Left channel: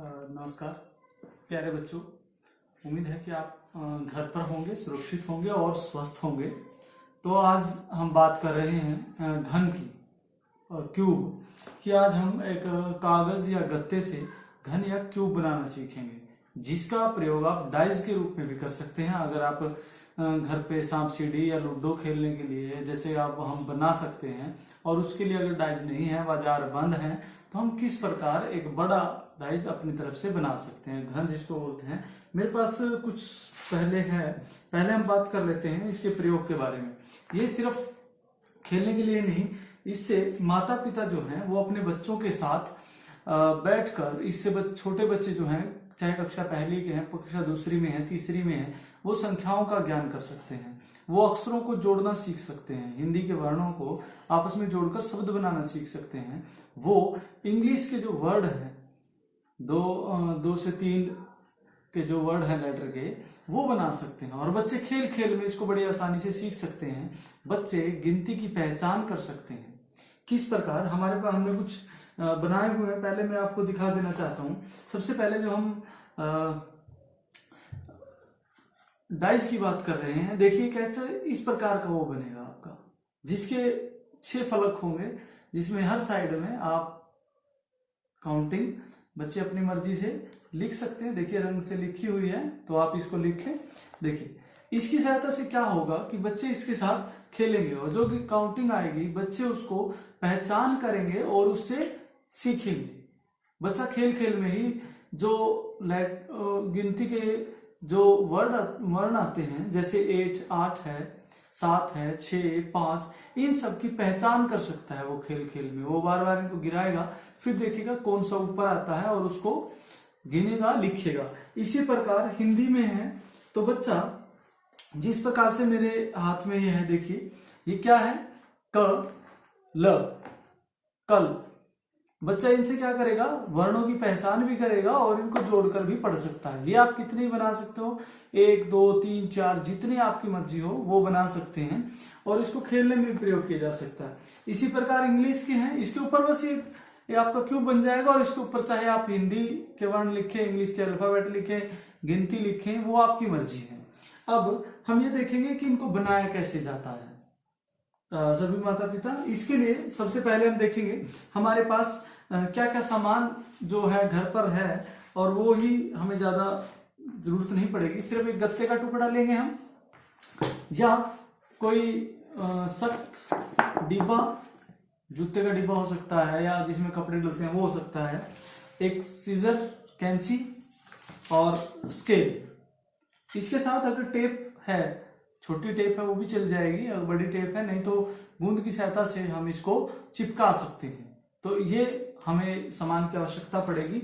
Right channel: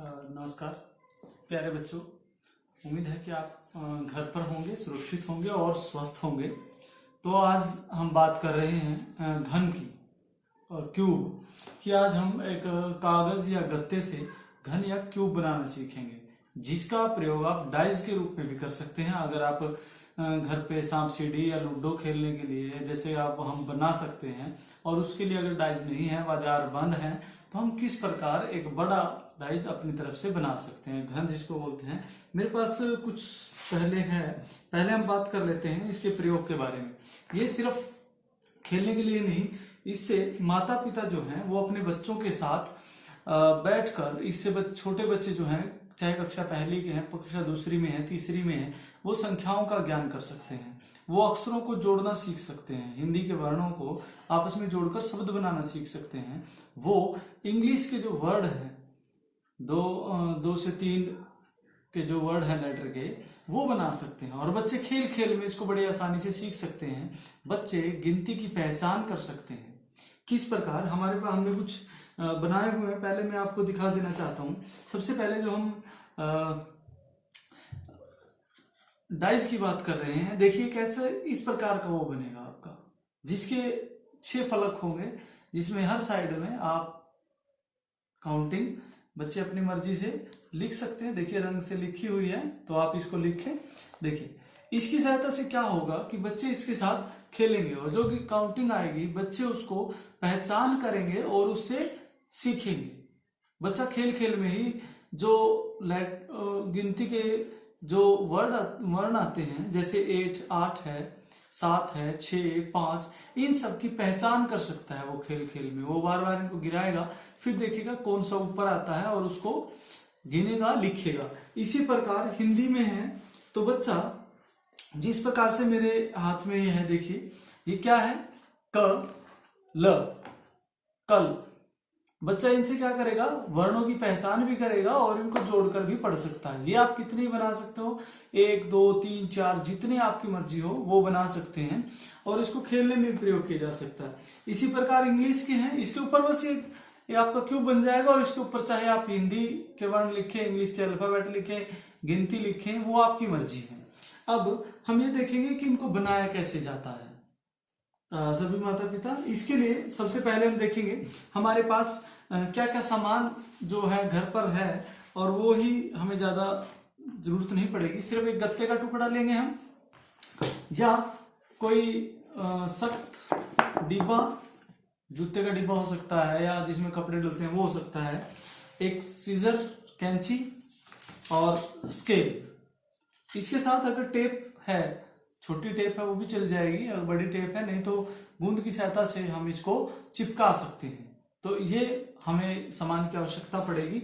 नमस्कार प्यारे बच्चों। उम्मीद है कि आप घर पर होंगे, सुरक्षित होंगे और स्वस्थ होंगे। तो आज हम बात कर रहे हैं घन की और क्यूब कि आज हम एक कागज या गत्ते से घन या क्यूब बनाना सीखेंगे, जिसका प्रयोग आप डाइस के रूप में भी कर सकते हैं। अगर आप घर पे सांप सीढ़ी या लूडो खेलने के लिए जैसे आप हम बना सकते हैं और उसके लिए अगर डाइस नहीं है, बाजार बंद है, तो हम किस प्रकार एक बड़ा डाइस अपनी तरफ से बना सकते हैं, घन जिसको बोलते हैं। मेरे पास कुछ पहले हम बात कर लेते हैं इसके प्रयोग के बारे में। ये सिर्फ खेलने के लिए नहीं, इससे माता पिता जो हैं वो अपने बच्चों के साथ बैठकर इससे छोटे बच्चे जो हैं, चाहे कक्षा पहली के हैं, कक्षा दूसरी में है, तीसरी में है, वो संख्याओं का ज्ञान कर सकते हैं। वो अक्षरों को जोड़ना सीख सकते हैं, हिंदी के वर्णों को आपस में जोड़कर शब्द बनाना सीख सकते हैं। वो इंग्लिश के जो वर्ड हैं, दो से तीन के जो वर्ड है लेटर के, वो बना सकते हैं। और बच्चे खेल खेल में इसको बड़ी आसानी से सीख सकते हैं। बच्चे गिनती की पहचान कर सकते हैं। किस प्रकार हमारे पास हमने कुछ बनाए हुए हैं, पहले मैं आपको दिखा देना चाहता हूं। सबसे पहले जो हम डाइस की बात कर रहे हैं, देखिए कैसे इस प्रकार का वो बनेगा आपका, जिसके 6 फलक होंगे, जिसमें हर साइड में आप काउंटिंग बच्चे अपनी मर्जी से लिख सकते हैं। देखिए रंग से लिखी हुई है, तो आप इसको लिखें। देखिए इसकी सहायता से क्या होगा कि बच्चे इसके साथ खेलेंगे और जो काउंटिंग आएगी बच्चे उसको पहचान करेंगे और उससे सीखेंगे। बच्चा खेल खेल में ही जो गिनती के जो वर्ण आते हैं, जैसे 8 है, 7 है, 6, 5, इन सब की पहचान कर सकता है। वो खेल खेल में वो बार बार इनको गिराएगा, फिर देखेगा कौन सा ऊपर आता है और उसको गिनेगा, लिखेगा। इसी प्रकार हिंदी में है तो बच्चा जिस प्रकार से मेरे हाथ में ये है, देखिए ये क्या है, क ल, कल। बच्चा इनसे क्या करेगा, वर्णों की पहचान भी करेगा और इनको जोड़कर भी पढ़ सकता है। ये आप कितने बना सकते हो, 1, 2, 3, 4, जितने आपकी मर्जी हो वो बना सकते हैं और इसको खेलने में प्रयोग किया जा सकता है। इसी प्रकार इंग्लिश के हैं, इसके ऊपर बस ये आपका क्यूब बन जाएगा और इसके ऊपर चाहे आप हिंदी के वर्ण लिखें, इंग्लिश के अल्फाबेट लिखें, गिनती लिखें, वो आपकी मर्जी है। अब हम ये देखेंगे कि इनको बनाया कैसे जाता है। सभी माता पिता, इसके लिए सबसे पहले हम देखेंगे हमारे पास क्या क्या सामान जो है घर पर है, और वो ही हमें ज्यादा जरूरत नहीं पड़ेगी। सिर्फ एक गत्ते का टुकड़ा लेंगे हम, या कोई सख्त डिब्बा, जूते का डिब्बा हो सकता है, या जिसमें कपड़े डलते हैं वो हो सकता है, एक सीजर, कैंची और स्केल। इसके साथ अगर टेप है, छोटी टेप है वो भी चल जाएगी, अगर बड़ी टेप है नहीं तो गूंद की सहायता से हम इसको चिपका सकते हैं। तो ये हमें सामान की आवश्यकता पड़ेगी।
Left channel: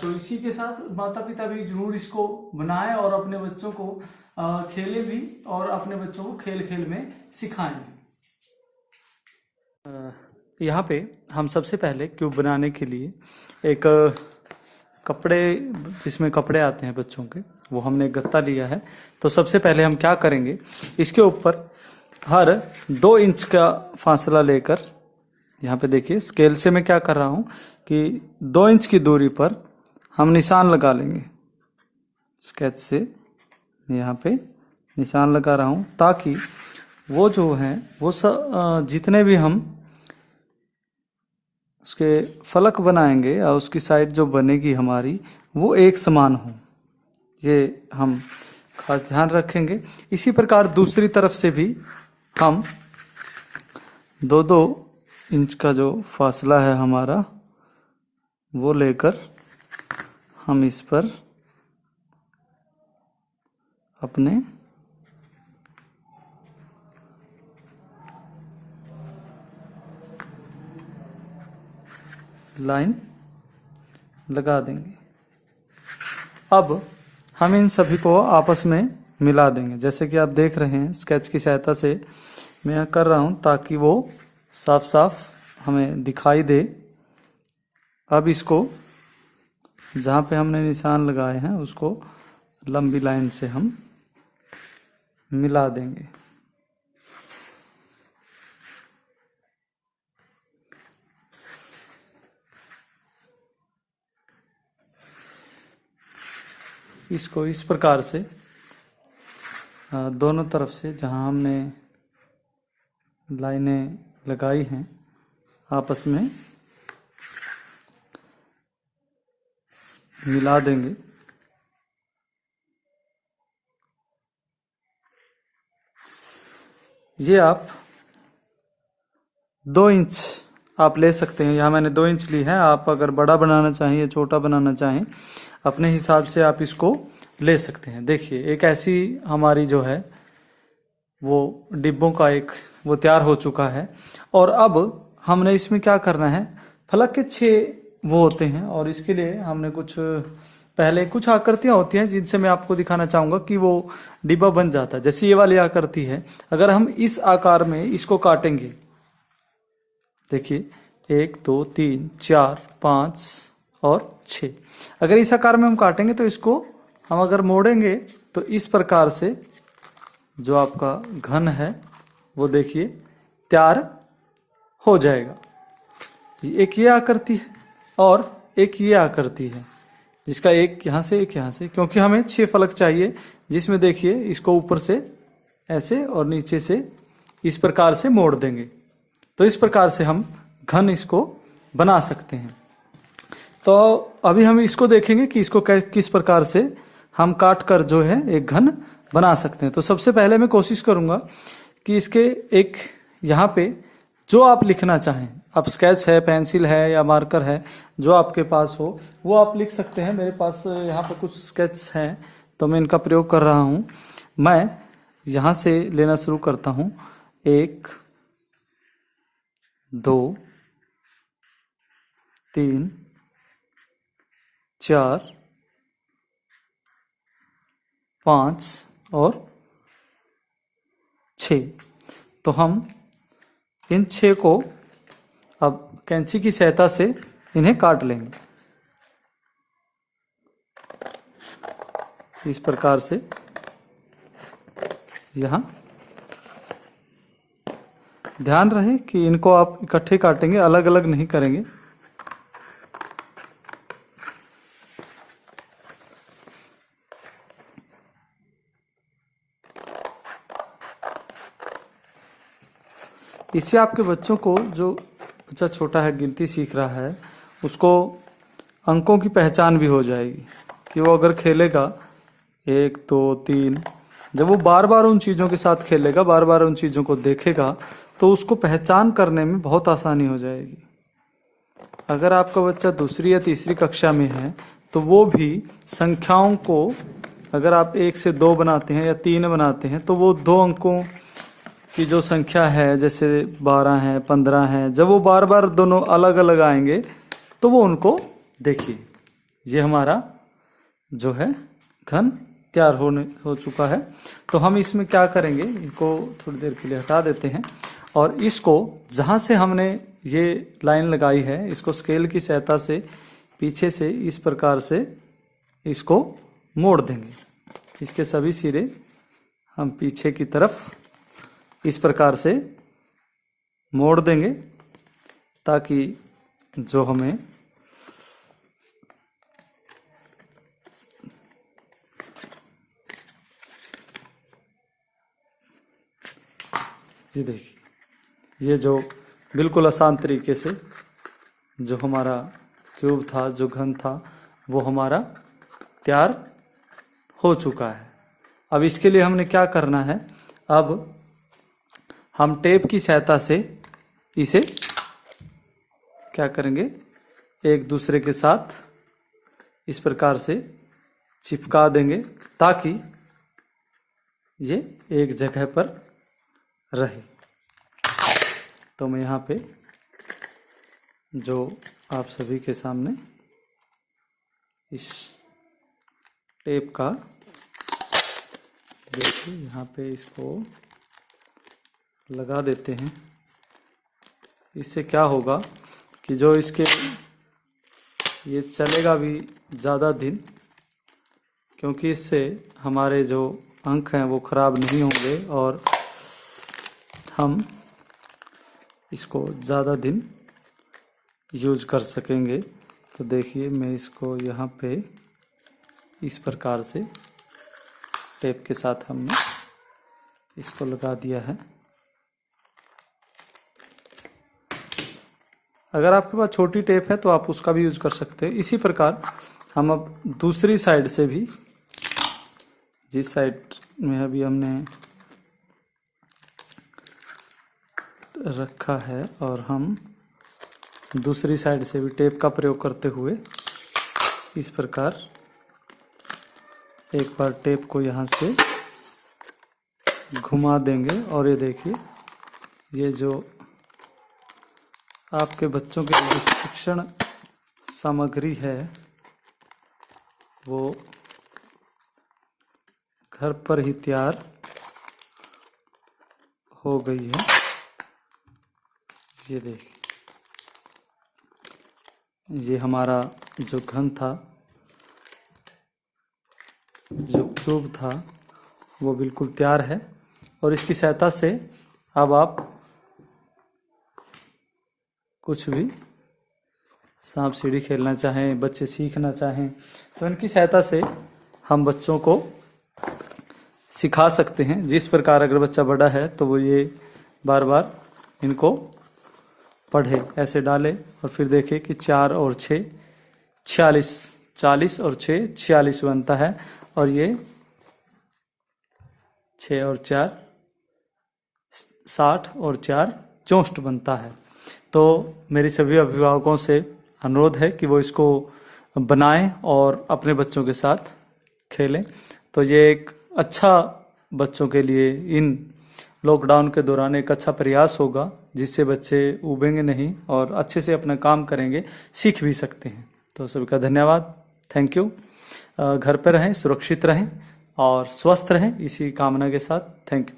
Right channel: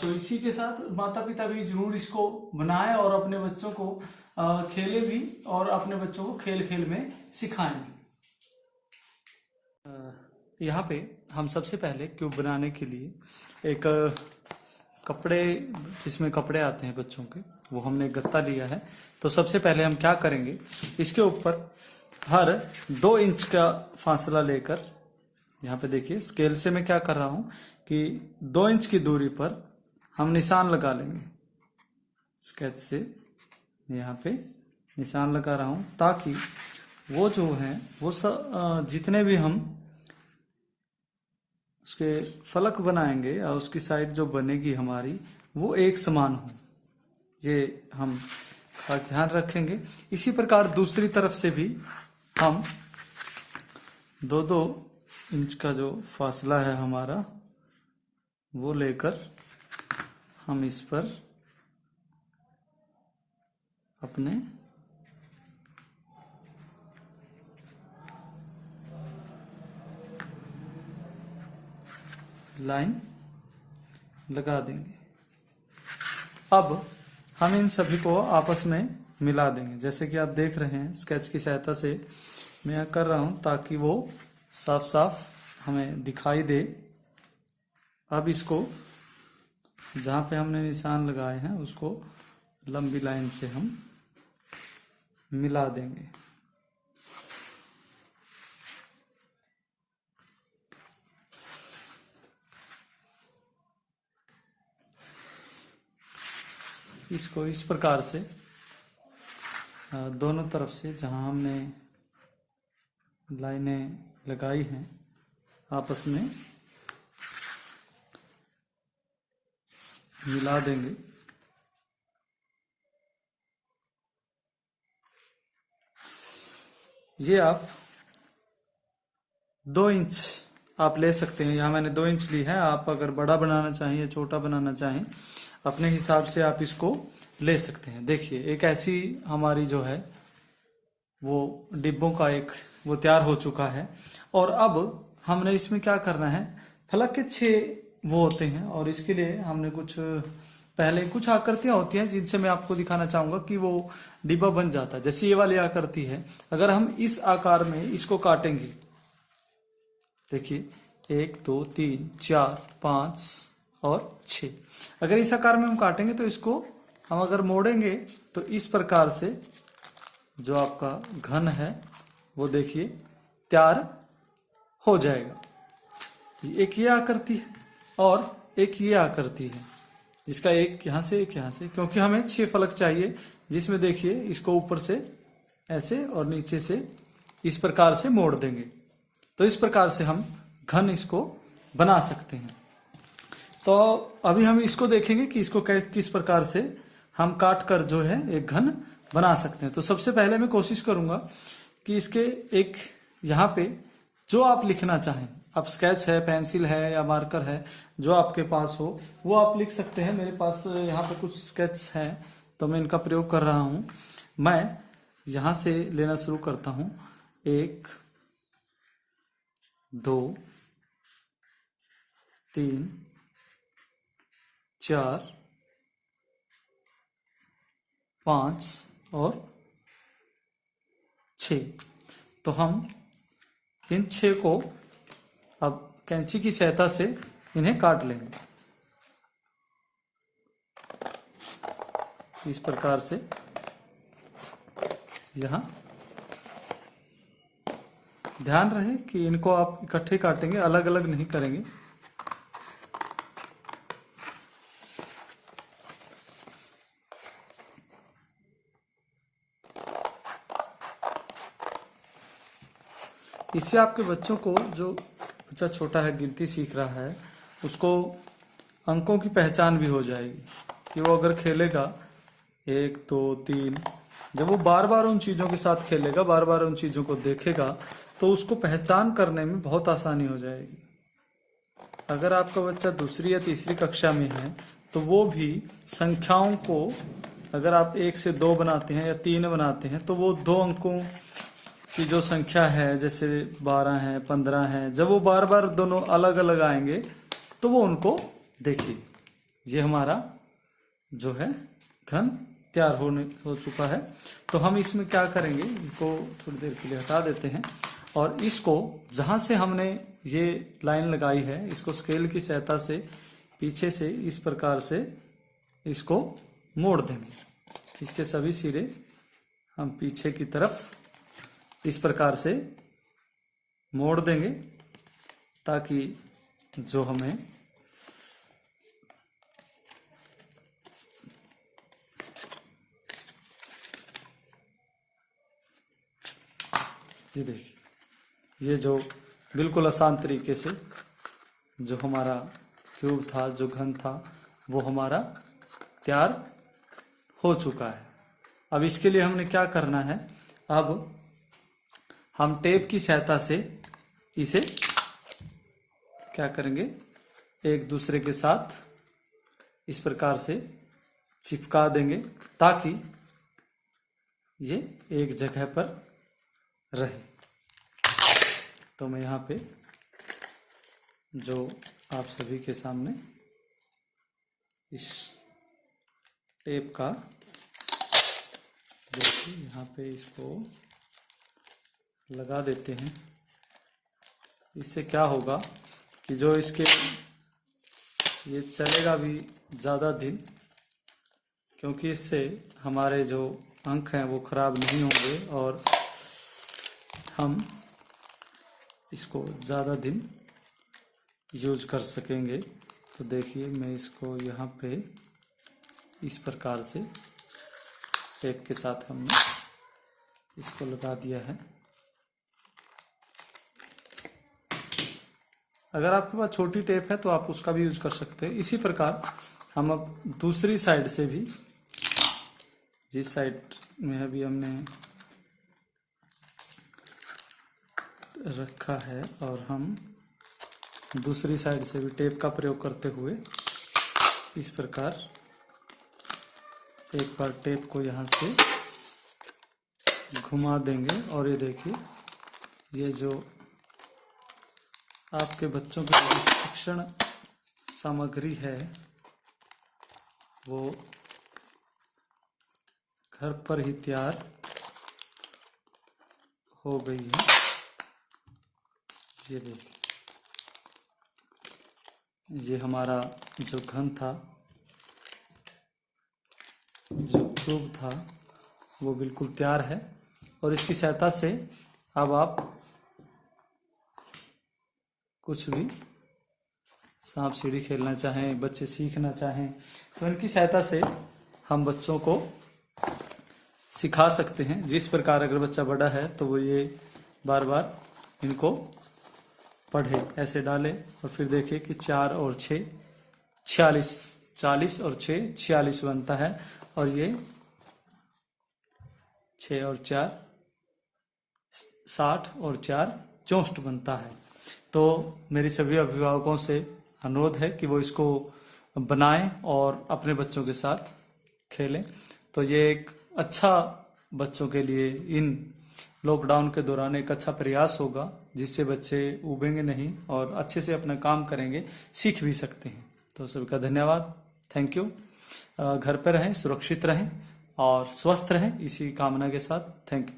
तो इसी के साथ माता पिता भी जरूर इसको बनाएं और अपने बच्चों को खेले भी और अपने बच्चों को खेल खेल में सिखाएं भी। यहाँ पे हम सबसे पहले क्यूब बनाने के लिए एक कपड़े, जिसमें कपड़े आते हैं बच्चों के, वो हमने एक गत्ता लिया है। तो सबसे पहले हम क्या करेंगे, इसके ऊपर हर 2 इंच का फासला लेकर, यहाँ पे देखिए स्केल से मैं क्या कर रहा हूं कि 2 इंच की दूरी पर हम निशान लगा लेंगे। स्केच से मैं यहाँ पे निशान लगा रहा हूं, ताकि वो जो है वो जितने भी हम उसके फलक बनाएंगे और उसकी साइड जो बनेगी हमारी, वो एक समान हो। ये हम खास ध्यान रखेंगे। इसी प्रकार दूसरी तरफ से भी हम 2-2 इंच का जो फासला है हमारा, वो लेकर हम इस पर अपने लाइन लगा देंगे। अब हम इन सभी को आपस में मिला देंगे। जैसे कि आप देख रहे हैं स्केच की सहायता से मैं कर रहा हूं, ताकि वो साफ साफ हमें दिखाई दे। अब इसको जहां पे हमने निशान लगाए हैं उसको लंबी लाइन से हम मिला देंगे। इसको इस प्रकार से दोनों तरफ से जहां हमने लाइनें लगाई हैं आपस में मिला देंगे। ये आप 2 इंच आप ले सकते हैं। यहाँ मैंने 2 इंच ली है। आप अगर बड़ा बनाना चाहें या छोटा बनाना चाहें अपने हिसाब से आप इसको ले सकते हैं। देखिए एक ऐसी हमारी जो है वो डिब्बों का एक वो तैयार हो चुका है। और अब हमने इसमें क्या करना है, फलक के 6 वो होते हैं और इसके लिए हमने पहले कुछ आकृतियां होती हैं जिनसे मैं आपको दिखाना चाहूंगा कि वो डिब्बा बन जाता है। जैसे ये वाली आकृति है, अगर हम इस आकार में इसको काटेंगे, देखिए 1 2 3 4 5 और 6, अगर इस आकार में हम काटेंगे तो इसको हम अगर मोड़ेंगे तो इस प्रकार से जो आपका घन है वो देखिए तैयार हो जाएगा। एक ये आकृति है और एक ये आकृति है जिसका एक यहां से एक यहां से, क्योंकि हमें 6 फलक चाहिए जिसमें देखिए इसको ऊपर से ऐसे और नीचे से इस प्रकार से मोड़ देंगे। तो इस प्रकार से हम घन इसको बना सकते हैं। तो अभी हम इसको देखेंगे कि इसको किस प्रकार से हम काट कर जो है एक घन बना सकते हैं। तो सबसे पहले मैं कोशिश करूंगा कि इसके एक यहाँ पे जो आप लिखना चाहें, आप स्केच है, पेंसिल है या मार्कर है, जो आपके पास हो वो आप लिख सकते हैं। मेरे पास यहाँ पे कुछ स्केच हैं तो मैं इनका प्रयोग कर रहा हूँ। मैं यहाँ से लेना शुरू करता हूँ। 1 2 3 4 5 और 6। तो हम इन 6 को अब कैंची की सहायता से इन्हें काट लेंगे इस प्रकार से। यहाँ ध्यान रहे कि इनको आप इकट्ठे काटेंगे, अलग अलग नहीं करेंगे। इससे आपके बच्चों को, जो बच्चा छोटा है गिनती सीख रहा है, उसको अंकों की पहचान भी हो जाएगी कि वो अगर खेलेगा 1 2 3, जब वो बार बार उन चीज़ों के साथ खेलेगा, बार बार उन चीज़ों को देखेगा तो उसको पहचान करने में बहुत आसानी हो जाएगी। अगर आपका बच्चा दूसरी या तीसरी कक्षा में है तो वो भी संख्याओं को, अगर आप 1 से 2 बनाते हैं या 3 बनाते हैं तो वो 2 अंकों की जो संख्या है, जैसे 12 है 15 है, जब वो बार बार दोनों अलग अलग आएंगे तो वो उनको देखिए। ये हमारा जो है घन तैयार हो चुका है। तो हम इसमें क्या करेंगे, इसको थोड़ी देर के लिए हटा देते हैं और इसको जहां से हमने ये लाइन लगाई है इसको स्केल की सहायता से पीछे से इस प्रकार से इसको मोड़ देंगे। इसके सभी सिरे हम पीछे की तरफ इस प्रकार से मोड़ देंगे ताकि जो हमें ये देखिए, ये जो बिल्कुल आसान तरीके से जो हमारा क्यूब था, जो घन था, वो हमारा तैयार हो चुका है। अब इसके लिए हमने क्या करना है, अब हम टेप की सहायता से इसे क्या करेंगे, एक दूसरे के साथ इस प्रकार से चिपका देंगे ताकि ये एक जगह पर रहे। तो मैं यहाँ पे जो आप सभी के सामने इस टेप का देखिए, यहाँ पे इसको लगा देते हैं। इससे क्या होगा कि जो इसके ये चलेगा भी ज़्यादा दिन, क्योंकि इससे हमारे जो अंक हैं वो ख़राब नहीं होंगे और हम इसको ज़्यादा दिन यूज कर सकेंगे। तो देखिए मैं इसको यहाँ पे इस प्रकार से टेप के साथ हमने इसको लगा दिया है। अगर आपके पास छोटी टेप है तो आप उसका भी यूज कर सकते हैं। इसी प्रकार हम अब दूसरी साइड से भी, जिस साइड में अभी हमने रखा है, और हम दूसरी साइड से भी टेप का प्रयोग करते हुए इस प्रकार एक बार टेप को यहाँ से घुमा देंगे, और ये देखिए, ये जो आपके बच्चों के लिए शिक्षण सामग्री है वो घर पर ही तैयार हो गई है। ये देखिए, ये हमारा जो घन था, जो क्यूब था, वो बिल्कुल तैयार है। और इसकी सहायता से अब आप कुछ भी सांप सीढ़ी खेलना चाहें, बच्चे सीखना चाहें, तो इनकी सहायता से हम बच्चों को सिखा सकते हैं। जिस प्रकार अगर बच्चा बड़ा है तो वो ये बार बार इनको पढ़े, ऐसे डाले, और फिर देखे कि 4 और 6 46, 40 और 6 46 बनता है, और ये 6 और 4 60 और 4 64 बनता है। तो मेरी सभी अभिभावकों से अनुरोध है कि वो इसको बनाएं और अपने बच्चों के साथ खेलें। तो ये एक अच्छा, बच्चों के लिए इन लॉकडाउन के दौरान एक अच्छा प्रयास होगा, जिससे बच्चे उबेंगे नहीं और अच्छे से अपना काम करेंगे, सीख भी सकते हैं। तो सभी का धन्यवाद, थैंक यू। घर पर रहें, सुरक्षित रहें और स्वस्थ रहें, इसी कामना के साथ, थैंक यू।